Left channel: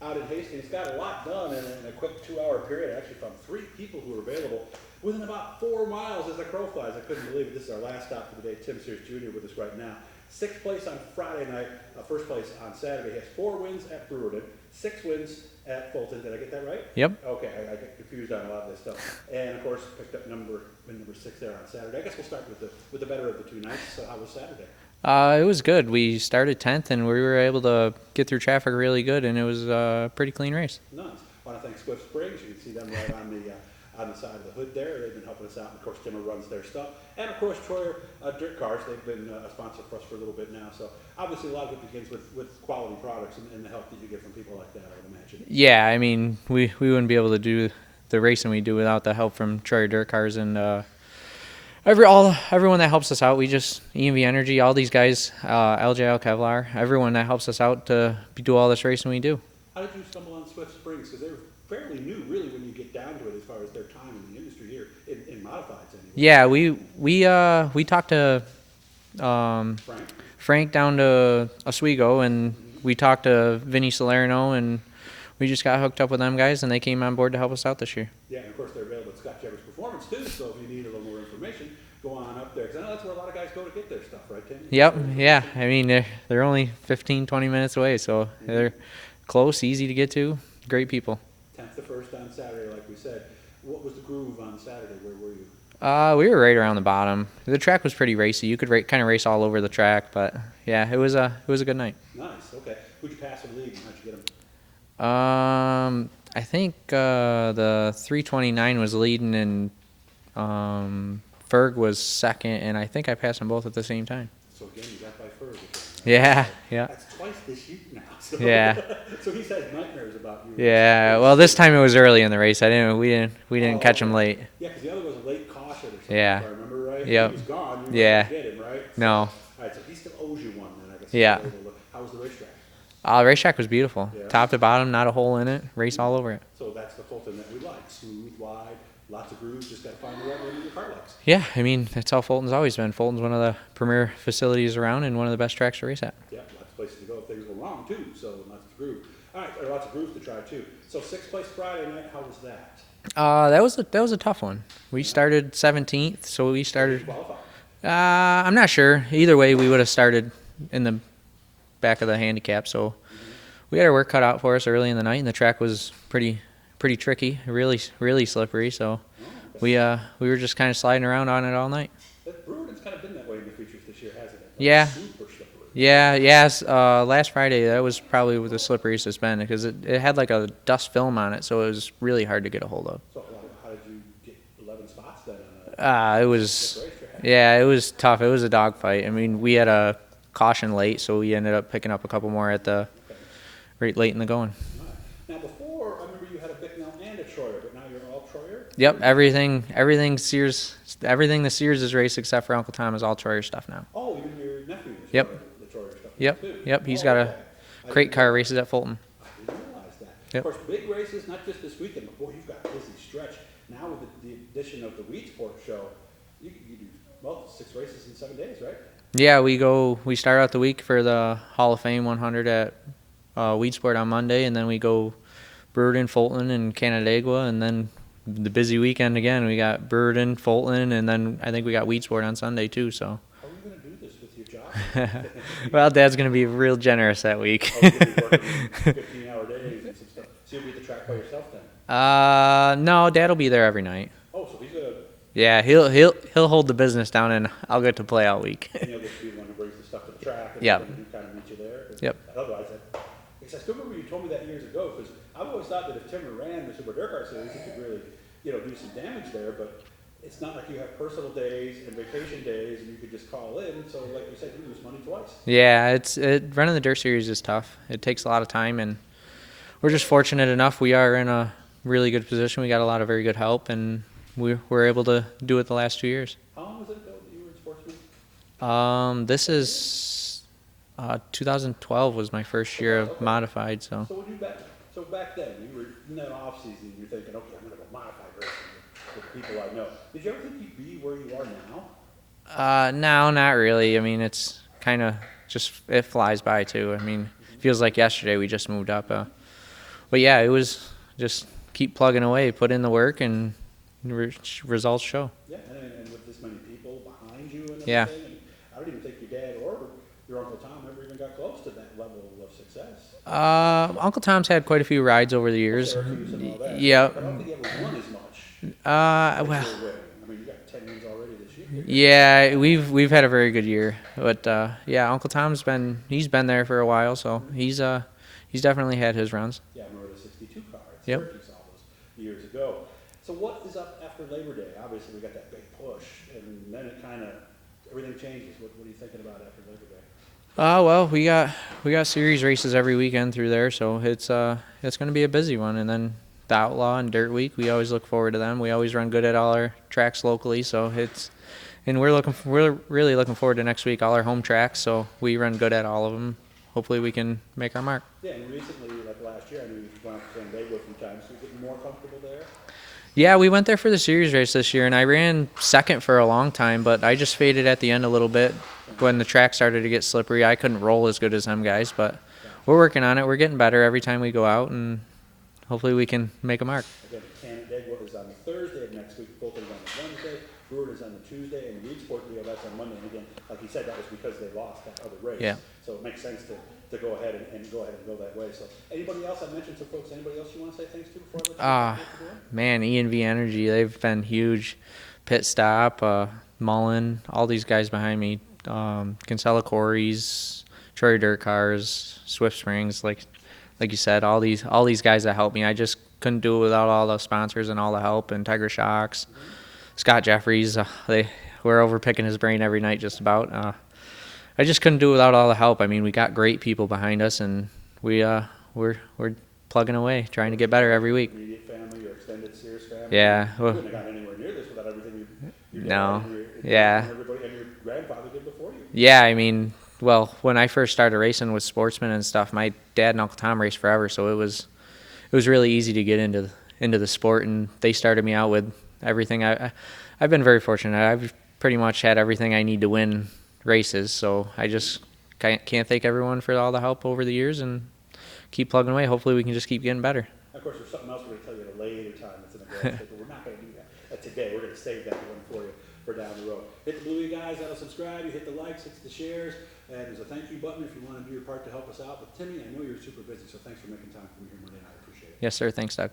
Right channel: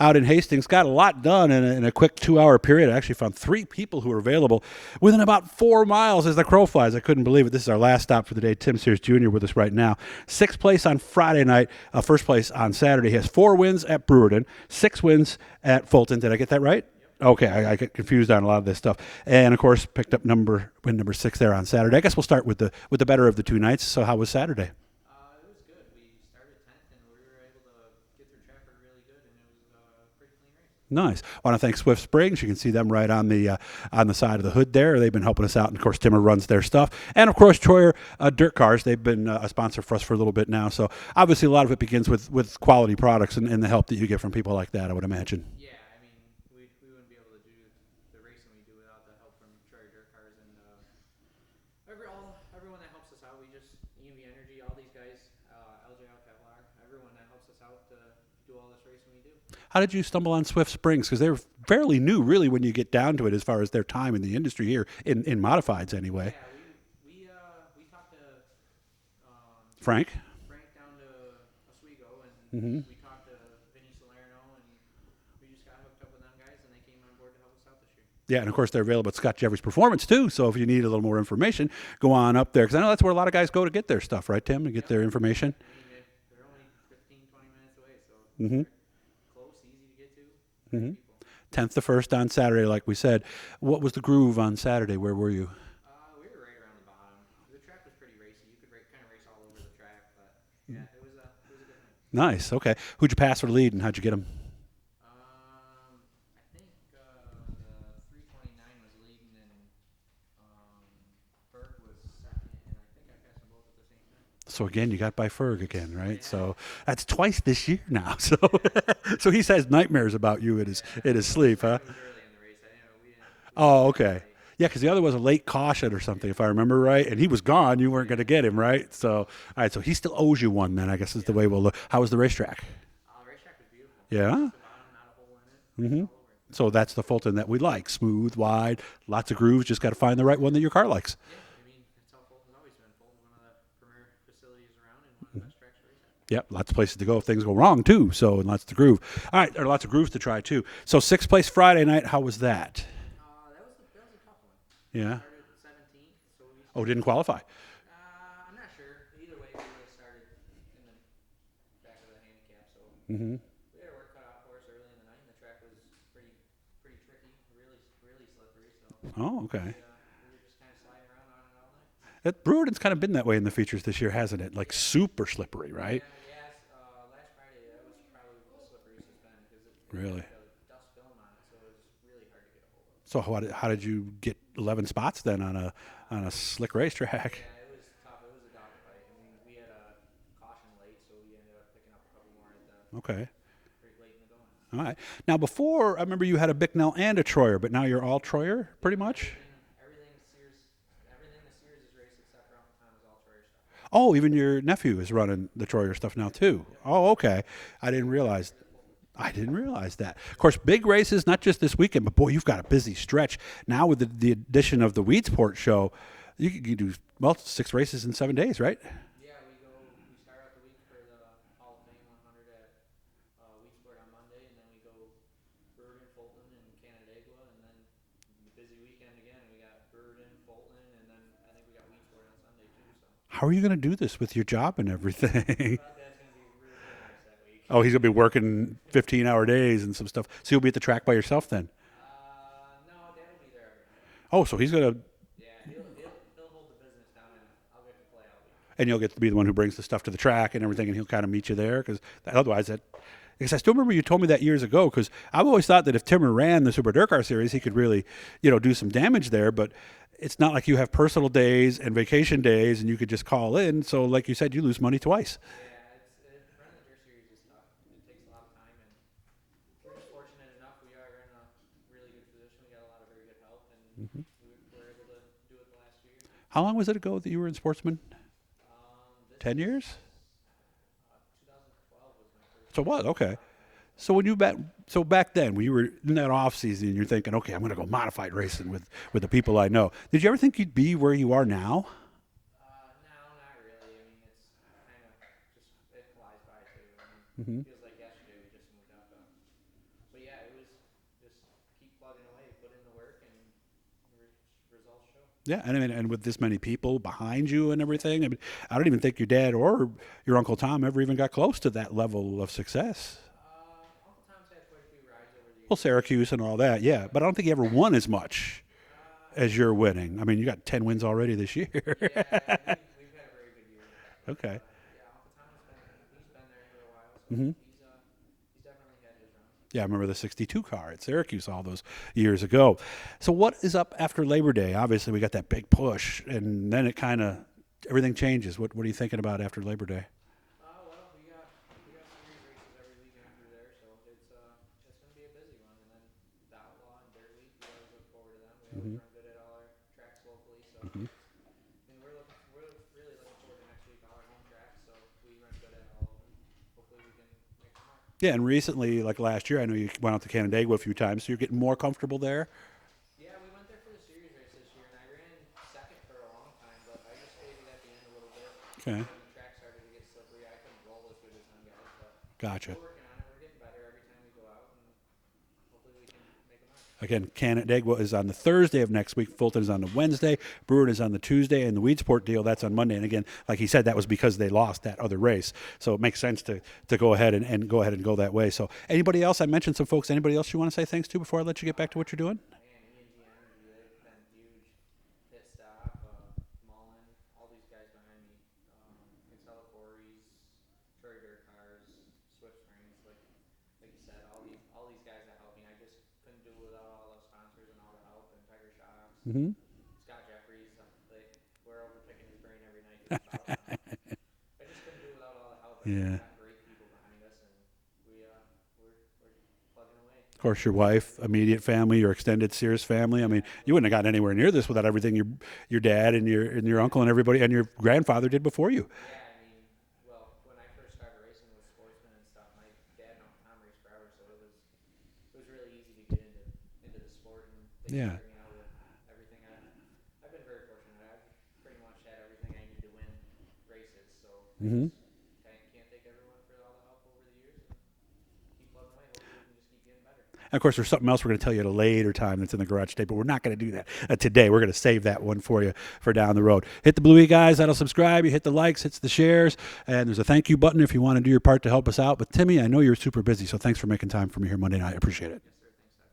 out in Hastings. Got a lot done in a quick 2-hour period. I actually found 3 people who were available within about 4 miles as the crow flies. I couldn't believe it. This is our last stop for the day. Tim Sears Jr. with us right now. 6th place on Friday night, 1st place on Saturday. He has 4 wins at Brewerton, 6 wins at Fulton. Did I get that right? Yep. Okay, I get confused on a lot of this stuff. And, of course, picked up win number 6 there on Saturday. I guess we'll start with the better of the 2 nights. So how was Saturday? It was good. We started 10th, and we were able to get through traffic really good, and it was a pretty clean race. Nice. I want to thank Swift Springs. You can see them right on the side of the hood there. They've been helping us out, and, of course, Timmer runs their stuff. And, of course, Troyer Dirt Cars. They've been a sponsor for us for a little bit now. So, obviously, a lot of it begins with quality products and the help that you get from people like that, I would imagine. Yeah, I mean, we wouldn't be able to do the racing we do without the help from Troyer Dirt Cars and everyone that helps us out. We just EMV Energy, all these guys, LJL Kevlar, everyone that helps us out to do all this racing we do. How did you stumble on Swift Springs? Because they're fairly new, really, when you get down to it, as far as their time in the industry here in modifieds, anyway. Yeah, we talked to Frank down to Oswego, and we talked to Vinny Salerno, and we just got hooked up with them guys, and they came on board to help us out this year. Yeah, and of course they're available at Scott Jeffries Performance too. So if you need a little more information, go on up there, because I know that's where a lot of guys go to get their stuff, right, Tim? To get their information. Yeah. I mean, they're only 15, 20 minutes away, so they're close, easy to get to. Great people. 10th to 1st on Saturday, like we said. What was the groove on Saturday? Where were you? We were right around the bottom. The track was pretty racy. You could kind of race all over the track, but yeah, it was a good night. Nice. Okay. Who'd you pass for the lead, and how'd you get him? I think the 329 was leading, and Ferg was second, and I think I passed them both at the same time. So again, you got by Ferg again, right? Yeah, so yeah. That's twice this year now. So yeah. So he has nightmares about you. Well, this time it was early in the race. We didn't catch him late. Yeah, because the other was a late caution or something, if I remember right. Yep. He was gone. You weren't going to get him, right? So, no. All right, so he still owes you one then, I guess is the way we'll look. How was the racetrack? The racetrack was beautiful. Yeah. Top to bottom, not a hole in it. Race all over it. So that's the Fulton that we like. Smooth, wide, lots of grooves. Just got to find the right one that your car likes. Yeah, I mean, that's how Fulton's always been. Fulton's one of the premier facilities around and one of the best tracks to race at. Yep, lots of places to go if things go wrong, too. So lots to groove. All right, there are lots of grooves to try, too. So 6th place Friday night, how was that? That was a tough one. We started 17th, so we started. Didn't qualify. I'm not sure. Either way, we would have started in the back of the handicap, so we had our work cut out for us early in the night, and the track was pretty tricky, really slippery. So we were just kind of sliding around on it all night. Brewerton's kind of been that way in the features this year, hasn't it? Super slippery, right? Yes. Last Friday, that was probably the slipperiest it's been, because it had like a dust film on it, so it was really hard to get a hold of. So how did you get 11 spots then on a slick racetrack? Yeah, it was tough. It was a dogfight. I mean, we had a caution late, so we ended up picking up a couple more at the right late in the going. All right. Now, before, I remember you had a Bicknell and a Troyer, but now you're all Troyer? Yep, everything Sears, everything the Sears is raced except for Uncle Tom is all Troyer stuff now. Oh, even your nephew is running the Troyer stuff now, too. Yep, he's got a crate car races at Fulton. I didn't realize that. Of course, big races, not just this weekend, but boy, you've got a busy stretch. Now with the addition of the Weedsport show, you do 6 races in 7 days, right? Yeah, we start out the week for the Hall of Fame 100 at Weedsport on Monday, and then we go Brewerton, Fulton, and Canandaigua, and then the busy weekend again. We got Brewerton, Fulton, and then I think we got Weedsport on Sunday too. So how are you going to do this with your job and everything? Well, Dad's going to be real generous that week. Oh, he's going to be working 15-hour days and some stuff. So you'll be at the track by yourself then? No, Dad will be there every night. Oh, so he's going to. Yeah, he'll hold the business down, and I'll get to play all week. And you'll get to be the one who brings the stuff to the track and everything, and he'll kind of meet you there. Because otherwise, because I still remember you told me that years ago. Because I've always thought that if Timmer ran the Super Dirt Car Series, he could really, do some damage there. But it's not like you have personal days and vacation days, and you could just call in. So, like you said, you lose money twice. Yeah, running the Dirt Series is tough. It takes a lot of time, and we're just fortunate enough. We are in a really good position. We got a lot of very good help, and we were able to do it the last 2 years. How long was it ago that you were in Sportsman? This is 2012 was my first year of modified. So when back then when you were in that off season, you're thinking, okay, I'm going to go modified racing with the people I know. Did you ever think you'd be where you are now? No, not really. I mean, it's kind of just it flies by too. I mean, it feels like yesterday we just moved up. But yeah, it was just keep plugging away, put in the work, and results show. Yeah, and I mean, and with this many people behind you and Yeah. everything, I mean, I don't even think your dad or your Uncle Tom ever even got close to that level of success. Uncle Tom's had quite a few rides over the Well, years. Syracuse and all that. Yeah. But I don't think he ever won as much as you're winning. I mean, you got 10 wins already this year. Yeah, we've had a very good year, but yeah, Uncle Tom's been there for a while, so he's definitely had his runs. Yeah, I remember the 62 car at Syracuse all those years ago. So what is up after Labor Day? Obviously, we got that big push, and then it kind of, everything changes. What are you thinking about after Labor Day? Well, we got series races every weekend through there, so it's going to be a busy one. And then the Outlaw and Dirt Week, we always look forward to them. We always run good at all our tracks locally, so we're really looking forward to next week, all our home tracks. So we run good at all of them. Hopefully we can make our mark. Yeah, and recently, like last year, I know you went out to Canandaigua a few times, so you're getting more comfortable there? Yeah, we went there for the series race this year, and I ran second for a long time, but I just faded at the end a little bit. Okay. When the track started to get slippery. I couldn't roll as good as them guys, but Gotcha. we're working on it. We're getting better every time we go out, and hopefully we can make a mark. Again, Canandaigua is on the Thursday of next week. Fulton is on the Wednesday. Brewerton is on the Tuesday. And the Weedsport deal, that's on Monday. And again, like he said, that was because they lost that other race. Yeah. So it makes sense to go ahead and go that way. So anybody else? I mentioned some folks. Anybody else you want to say thanks to before I let you get back to what you're doing? Man, E&V Energy, they've been huge. Pit Stop, Mullen, all these guys behind me. Kinsella Quarries, Troy Dirt Cars, Swift Springs, like you said, all these guys that helped me. I just couldn't do it without all the sponsors and all the help. And Tiger Shocks, Scott Jeffries, we're over picking his brain every night just about. I just couldn't do it without all the help. I mean, we got great people behind us, and we're plugging away, trying to get better every week. Immediate family, your extended Sears family. Yeah. I mean, you wouldn't have gotten anywhere near this without everything your dad No. and your Yeah. uncle and everybody and your grandfather did before you. Yeah, I mean, well, when I first started racing with sportsmen and stuff, my dad and Uncle Tom raced forever, so it was really easy to get into the sport, and they started me out with everything. I've been very fortunate. I've pretty much had everything I need to win races, so I just can't thank everyone for all the help over the years, and keep plugging away. Hopefully we can just keep getting better. And of course, there's something else we're going to tell you at a later time that's in the garage tape, but we're not going to do that today. We're going to save that one for you for down the road. Hit the bluey guys. That'll subscribe. You hit the likes, hits the shares, and there's a thank you button if you want to do your part to help us out. But Timmy, I know you're super busy, so thanks for making time for me here Monday night. I appreciate it. Yes, sir. Thanks, Doug.